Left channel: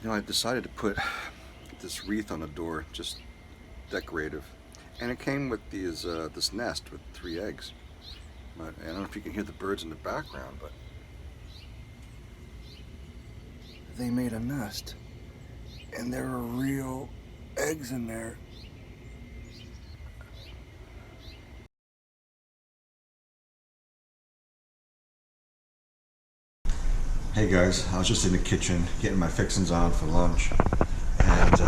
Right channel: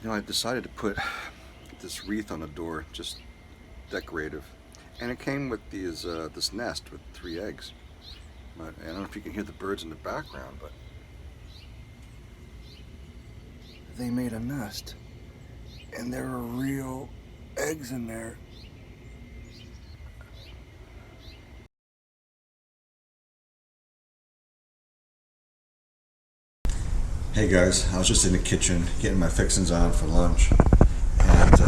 You know, I decided to put this wreath on the door, just decorative, and it came with this nest with 3 eggs. But I don't know if you can hear the birds in the background, but they made a nest, and there are real eggs in there. Hey guys, I was just in the kitchen getting my fixings on for lunch, and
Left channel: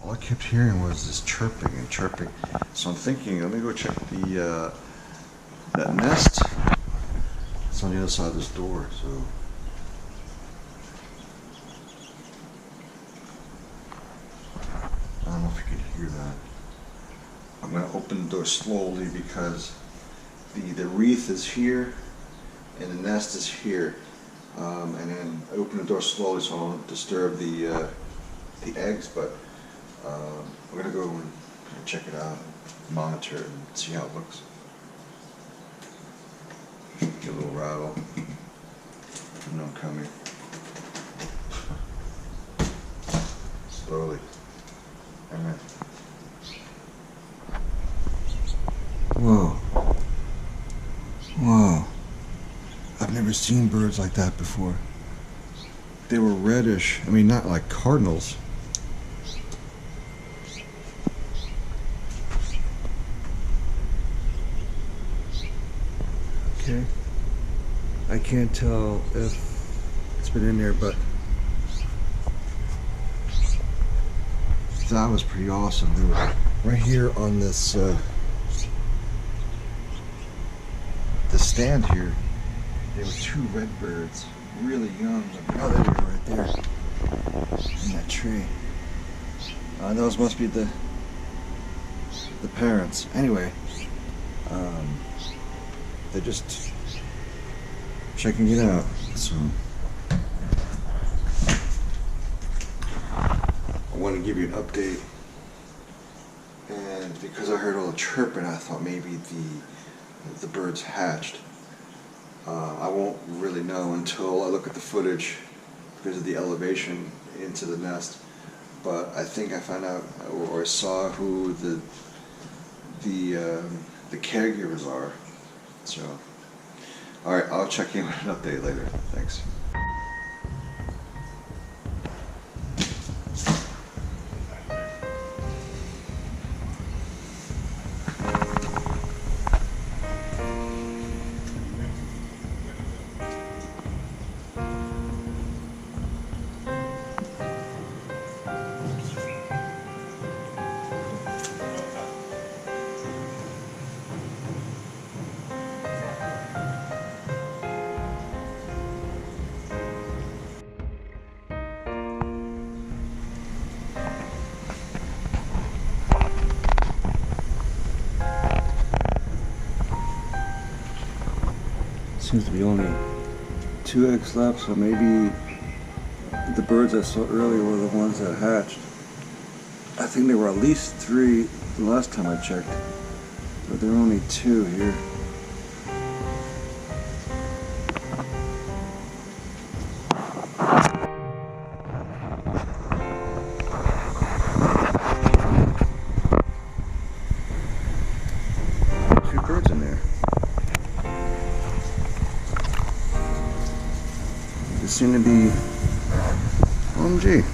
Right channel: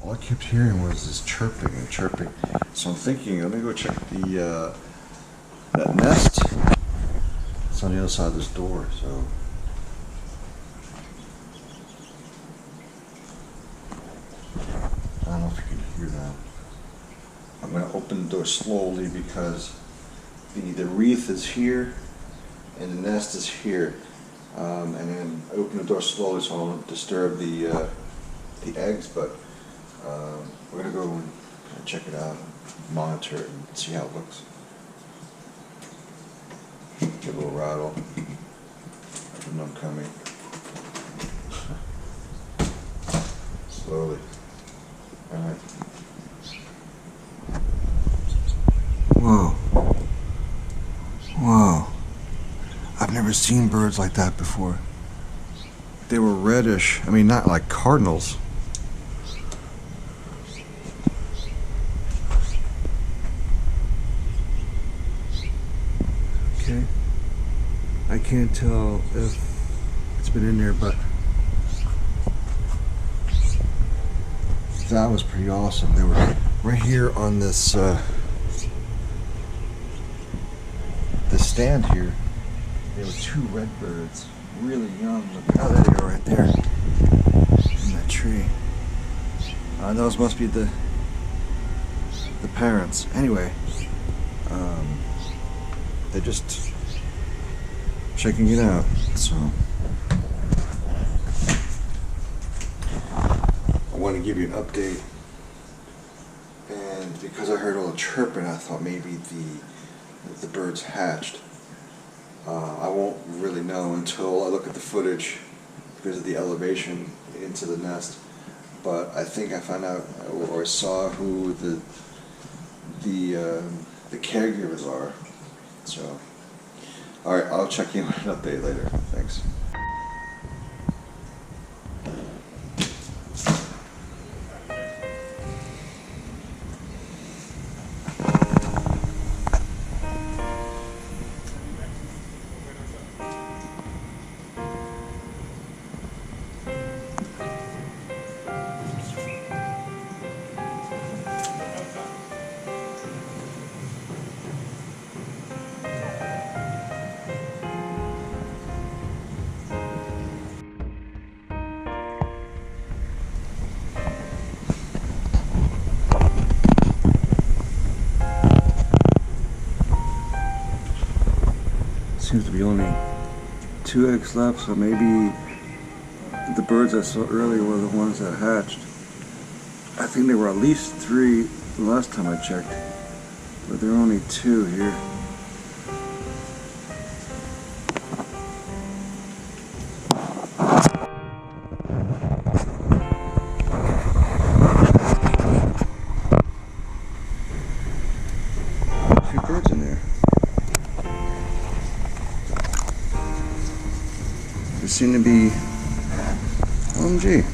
all I kept hearing was this chirping and chirping. So I'm thinking, let me go check that nest. It's on the other side of this door, so. I don't know if you can hear that. I'm going to open the door slowly because the wreath is here and the nest is here. And then I open the door slowly so I don't disturb the eggs, but we're going to go and check it out, and monitor it, and see how it looks. Give a little rattle. I know I'm coming. Slowly. All right. Whoa. Whoa. I've never seen birds like that before. They were reddish. I mean, not like cardinals. Okay. I can't tell if it's been in there, but that was pretty awesome. They were right here on this stand here. There were 2 red birds, really young. Oh, there they are right there in that tree. Those must be the parents. Anyway, they're just checking it out. So I want to give you an update, and because I heard all the chirping, I thought maybe the birds hatched. I won't really know until I look at the footage because of the elevation into the nest. But I think I found out or saw who the caregivers are. So, all right, I'll check in with an update later. Thanks. Seems to be only 2 eggs left, so maybe the birds I saw earlier were the ones that hatched. I think there were at least 3 the last time I checked, but there are only 2 here. Two birds in there. They seem to be, OMG.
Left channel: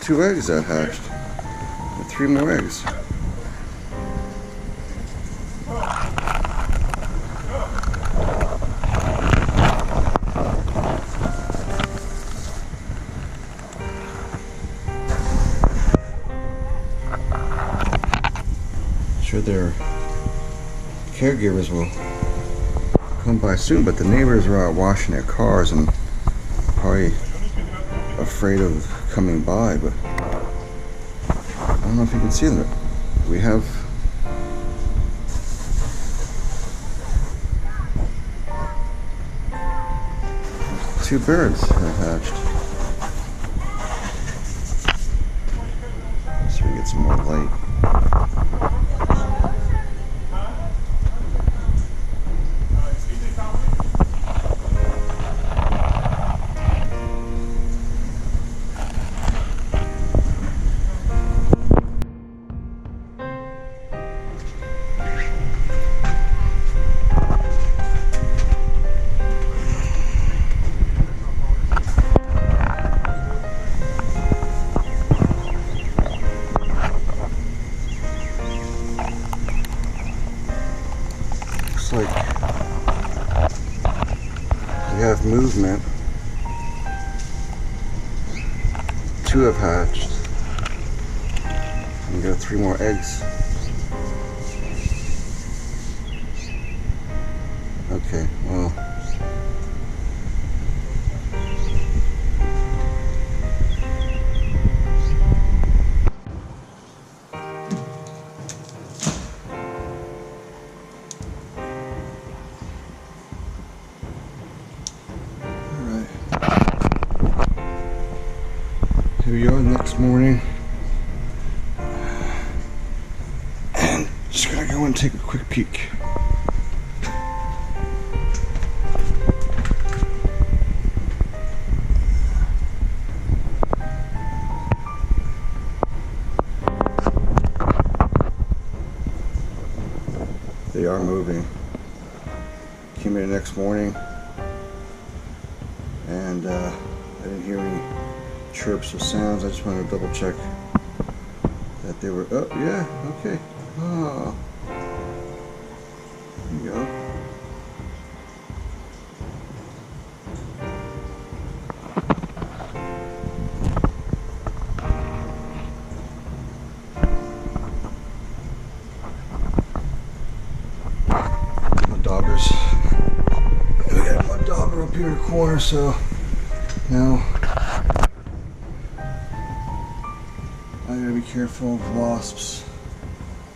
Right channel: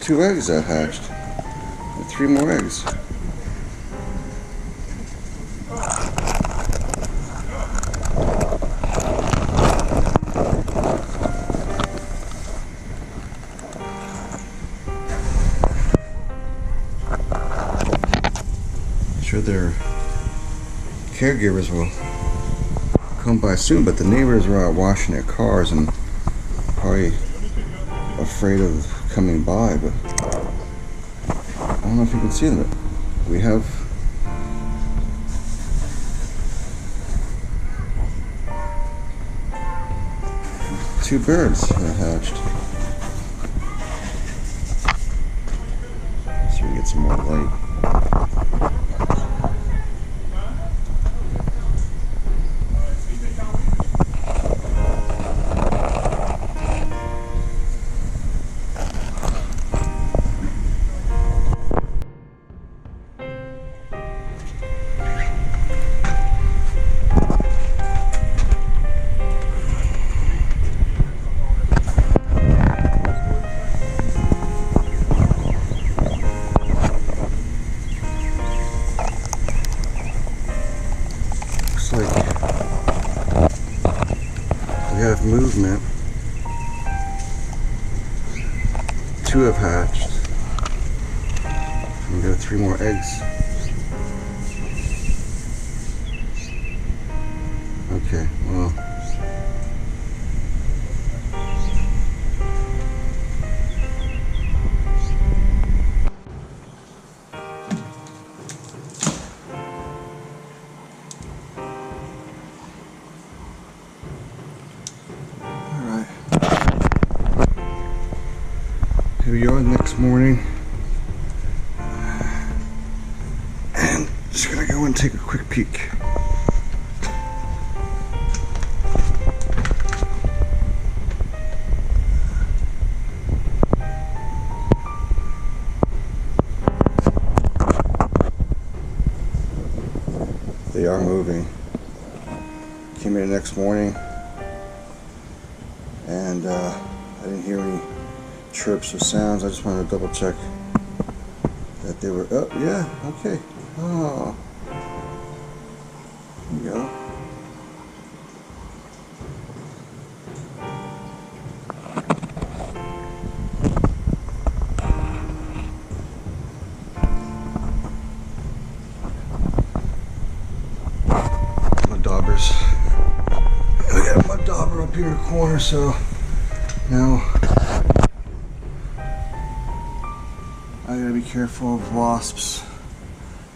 Two eggs that hatched. And 3 more eggs. Sure their caregivers will come by soon, but the neighbors are out washing their cars and probably afraid of coming by, but I don't know if you can see them. We have two birds that hatched. So we get some more light. looks like we have movement. 2 have hatched. And you got 3 more eggs. Okay, well. Alright. Here we are the next morning. And just gonna go and take a quick peek. They are moving. Came in the next morning and I didn't hear any chirps or sounds. I just wanted to double check that they were up. Yeah, okay. Oh, there you go. Daubers. We got my dauber up here in the corner, so now I gotta be careful of wasps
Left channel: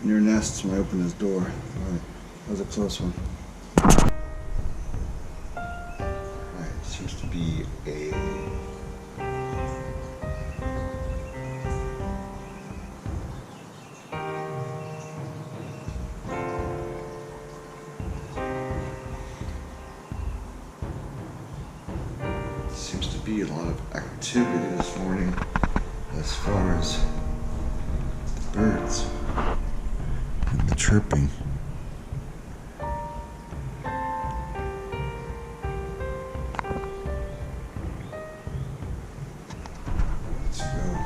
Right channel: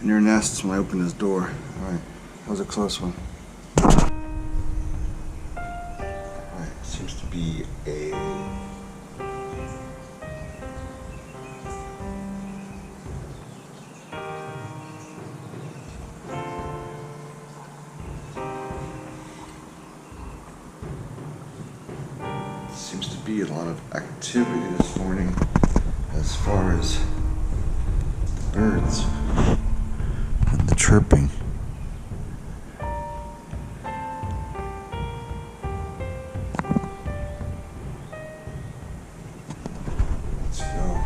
in their nests when I open this door. Alright, that was a close one. Alright, seems to be a seems to be a lot of activity this morning as far as the birds and the chirping. Let's go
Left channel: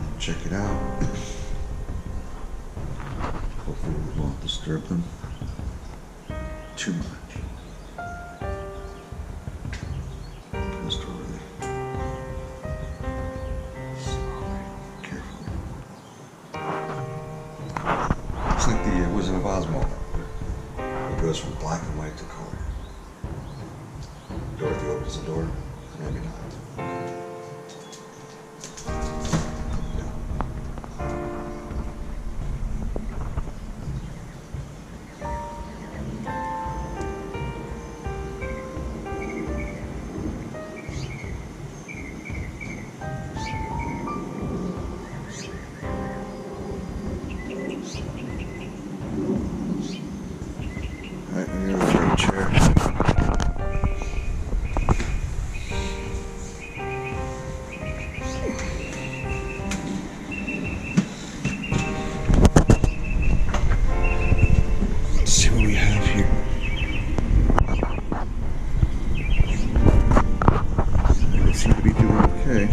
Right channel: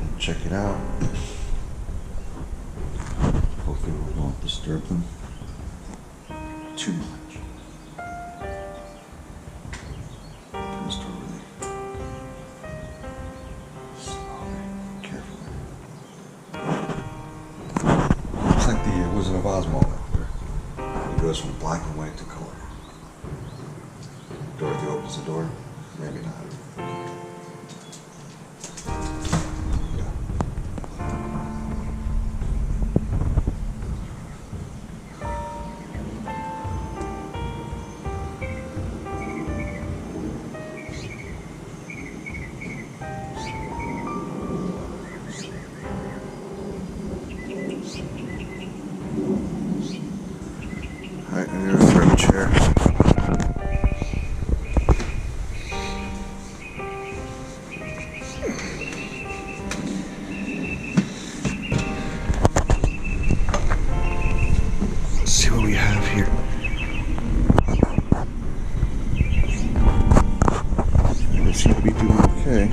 and check it out. Hopefully we won't disturb them too much. It's like the Wizard of Oz moment where it goes from black and white to color. Dorothy opens the door, maybe not. Alright, I'm gonna grab a chair. Let's see what we have here. They seem to be doing okay.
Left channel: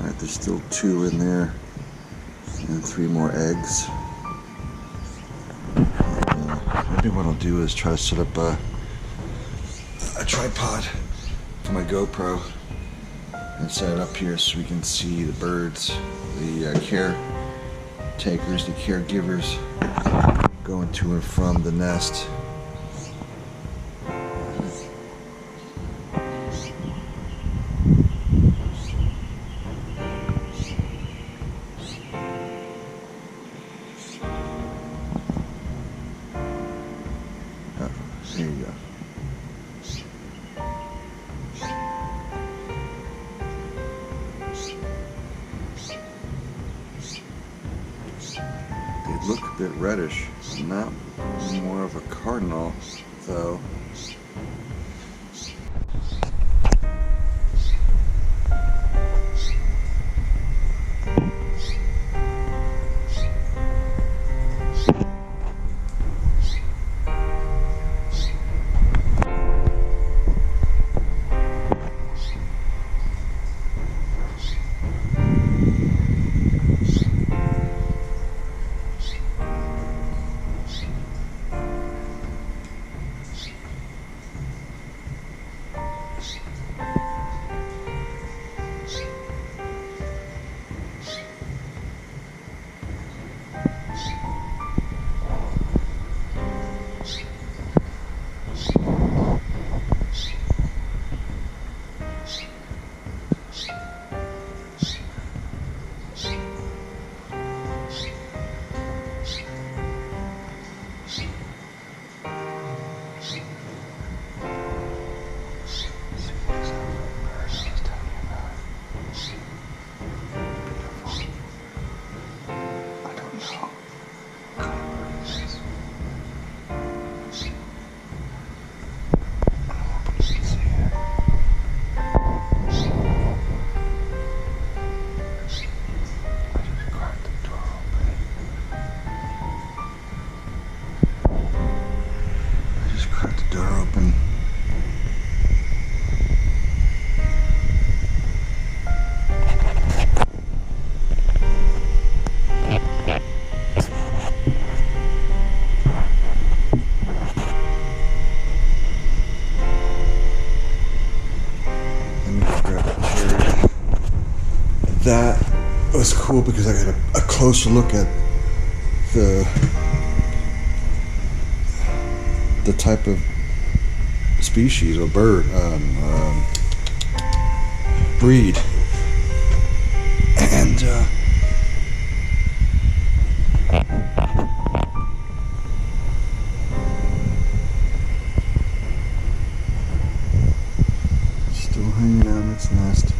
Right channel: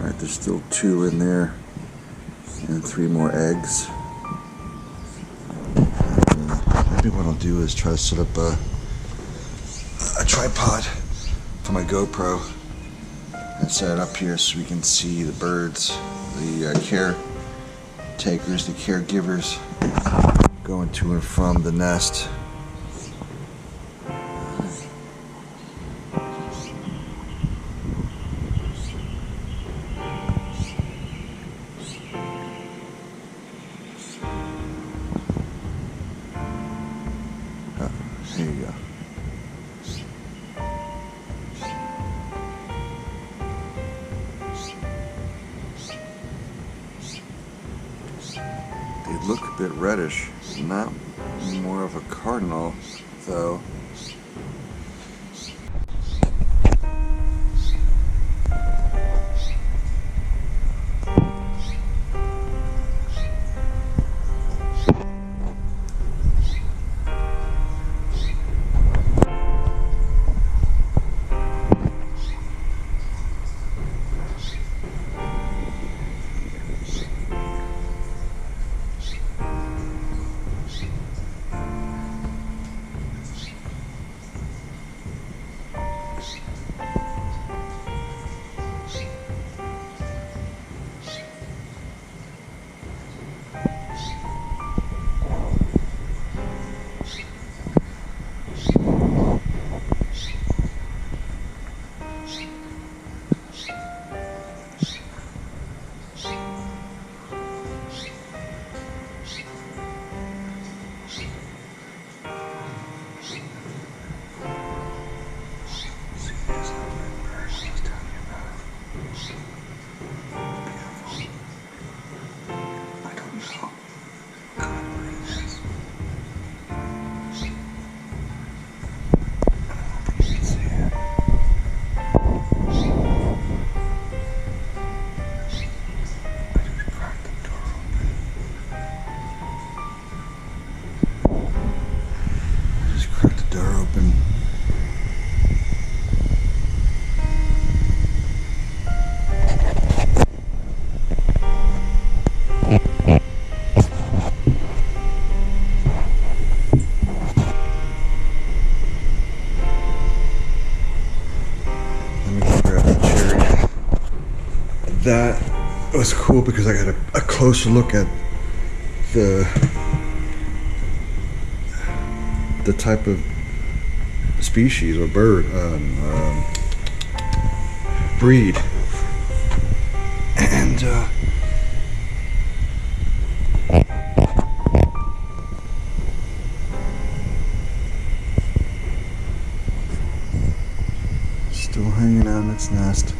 Alright, there's still 2 in there and 3 more eggs. Maybe what I'll do is try to set up a tripod for my GoPro and set it up here so we can see the birds, the caretakers, the caregivers going to and from the nest. There you go. They look a bit reddish, not more of a cardinal though. that was cool because I got a closer look at the type of species or bird breed, and still hanging out in its nest.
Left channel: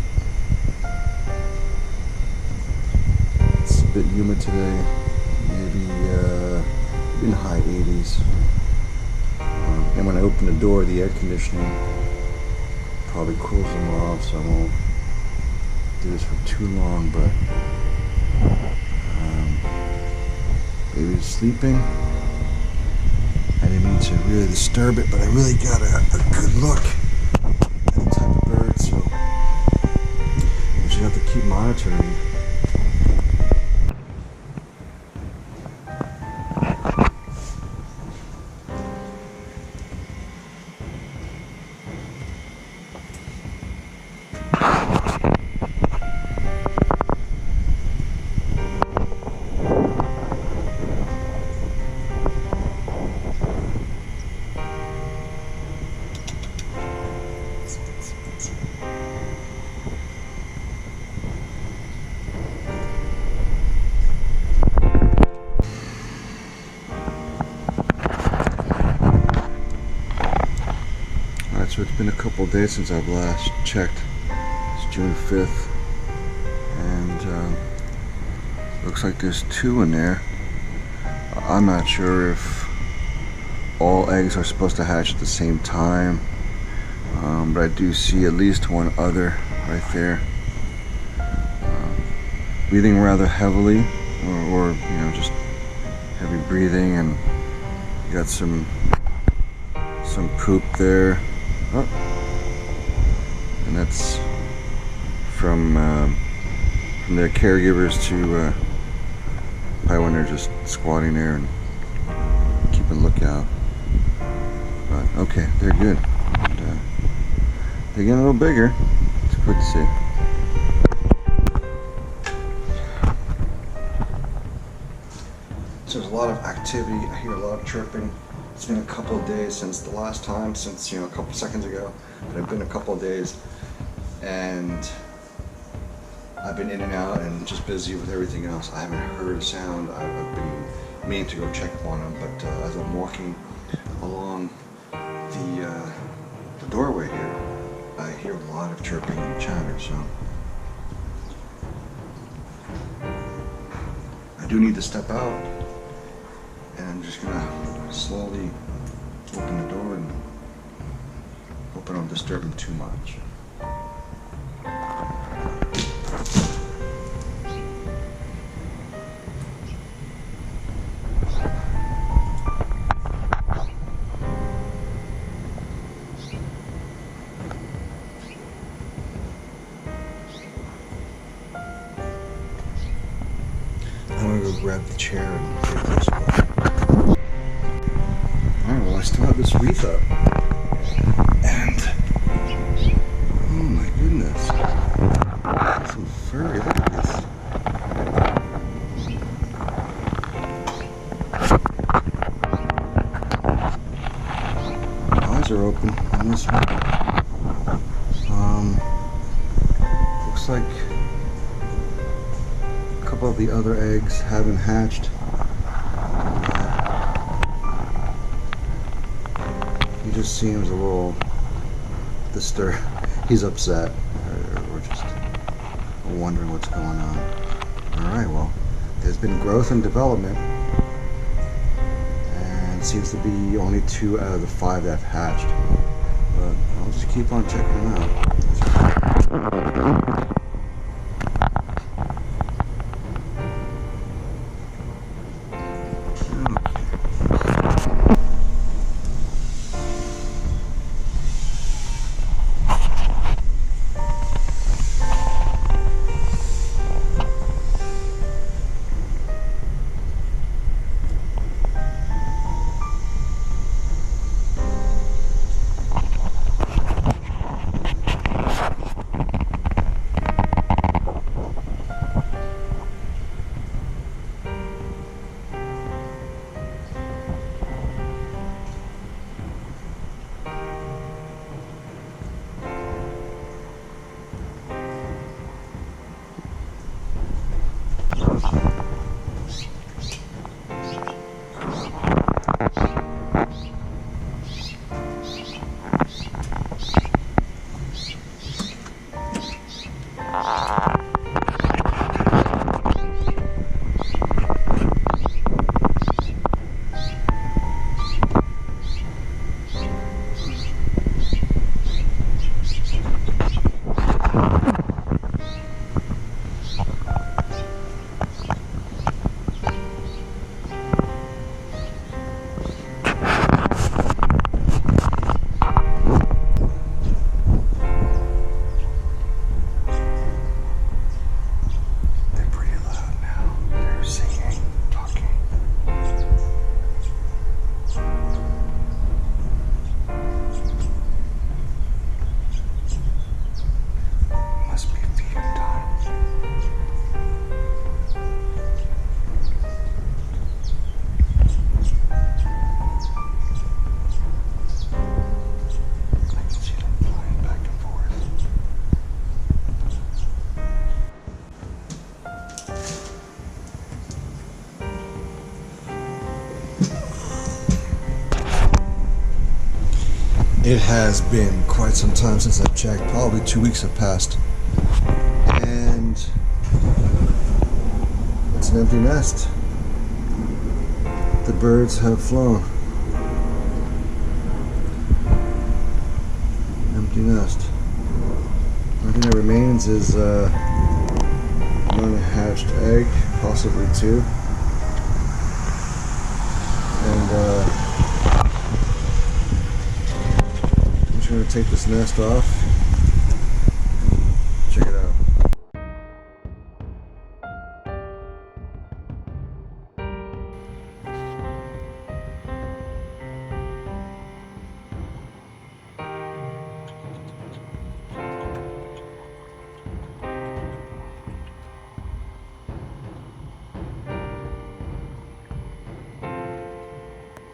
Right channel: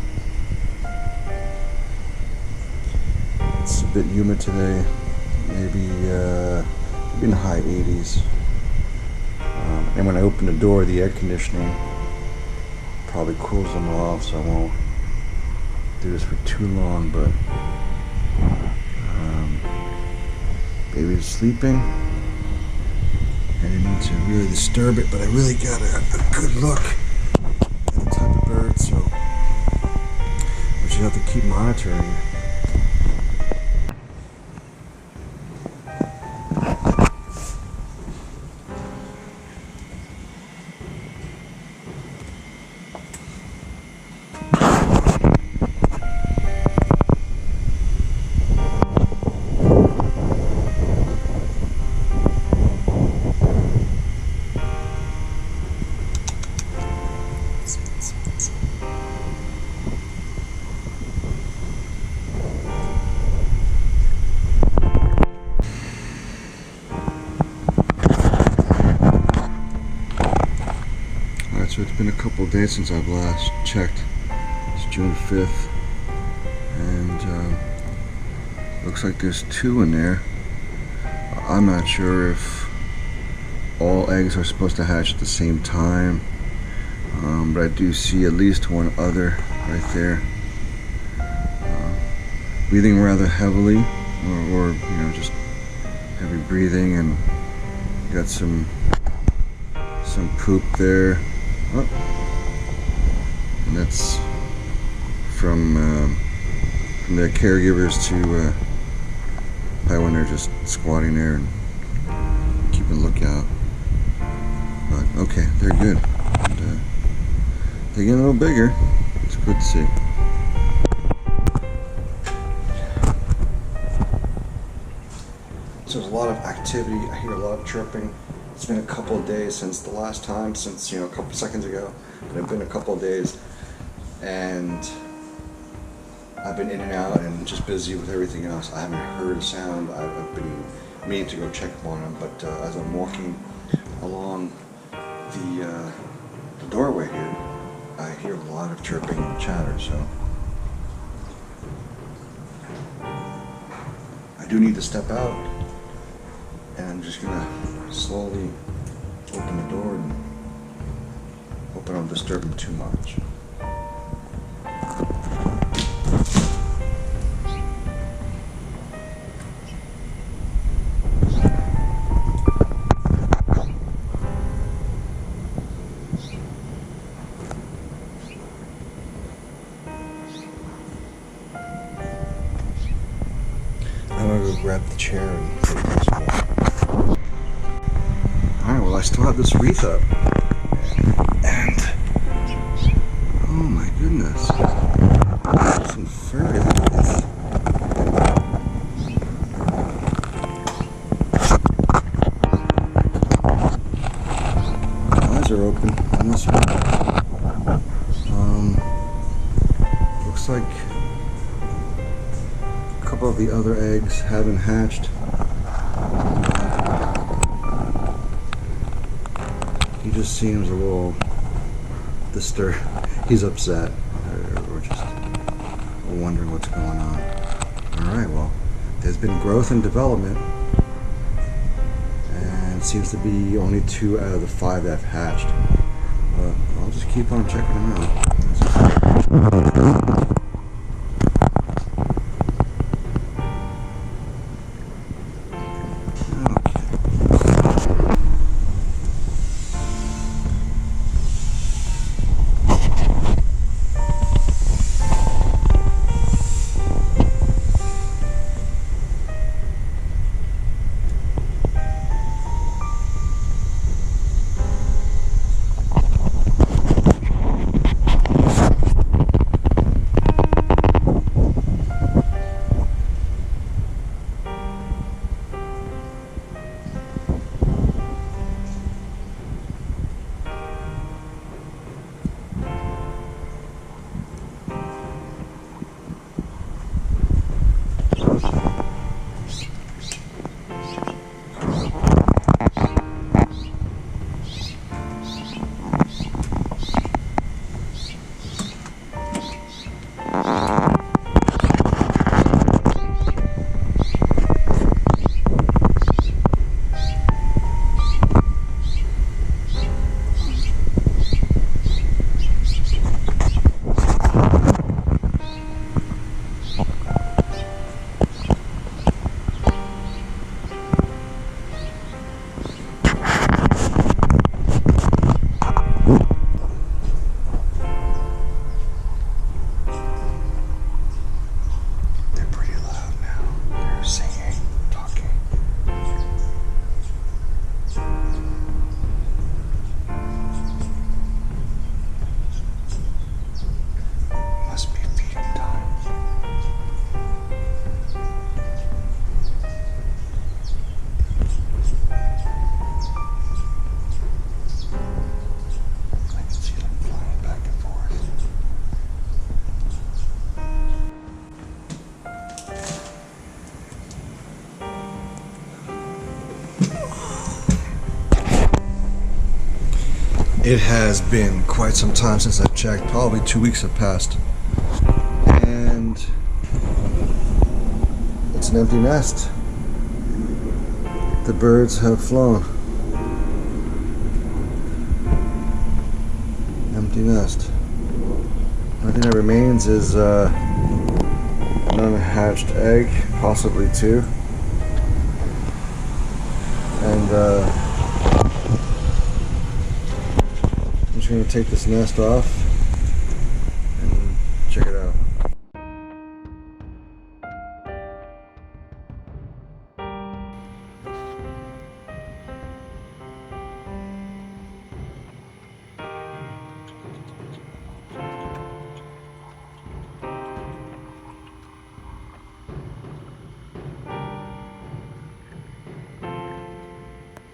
It's a bit humid today, maybe in the high 80s. And when I open the door, the air conditioning probably cools them off, so I won't do this for too long, but baby's sleeping. I didn't mean to really disturb it, but I really got a good look at the type of bird, so we should have to keep monitoring. So it's been a couple days since I've last checked. It's June 5th, and looks like there's 2 in there. I'm not sure if all eggs are supposed to hatch at the same time, but I do see at least 1 other right there, breathing rather heavily, or you know, just heavy breathing, and got some poop there. Oh. And that's from their caregivers to probably when they're just squatting there and keeping a lookout. But okay, they're good. And, they're getting a little bigger. It's good to see. So there's a lot of activity. I hear a lot of chirping. It's been a couple of days since the last time, since, you know, a couple seconds ago, but it's been a couple of days, and I've been in and out and just busy with everything else. I haven't heard a sound. I've been meaning to go check on them, but as I'm walking along the doorway here, I hear a lot of chirping and chatter, so I do need to step out, and I'm just gonna slowly open the door and hope I don't disturb them too much. I'm gonna go grab the chair and get a closer look. Alright, well, I still have this wreath up. And oh my goodness. Some furry, look at this. Eyes are open on this one. Looks like a couple of the other eggs haven't hatched. He just seems a little disturbed. He's upset, or just wondering what's going on. Alright, well, there's been growth and development, and seems to be only 2 out of the 5 that have hatched. But I'll just keep on checking them out. They're pretty loud now. They're singing, talking. Must be feeding time. I can see them flying back and forth. It has been quite some time since I've checked. Probably 2 weeks have passed. And it's an empty nest. The birds have flown. Empty nest. The only thing that remains is an unhatched egg, possibly 2. And I'm just going to take this nest off.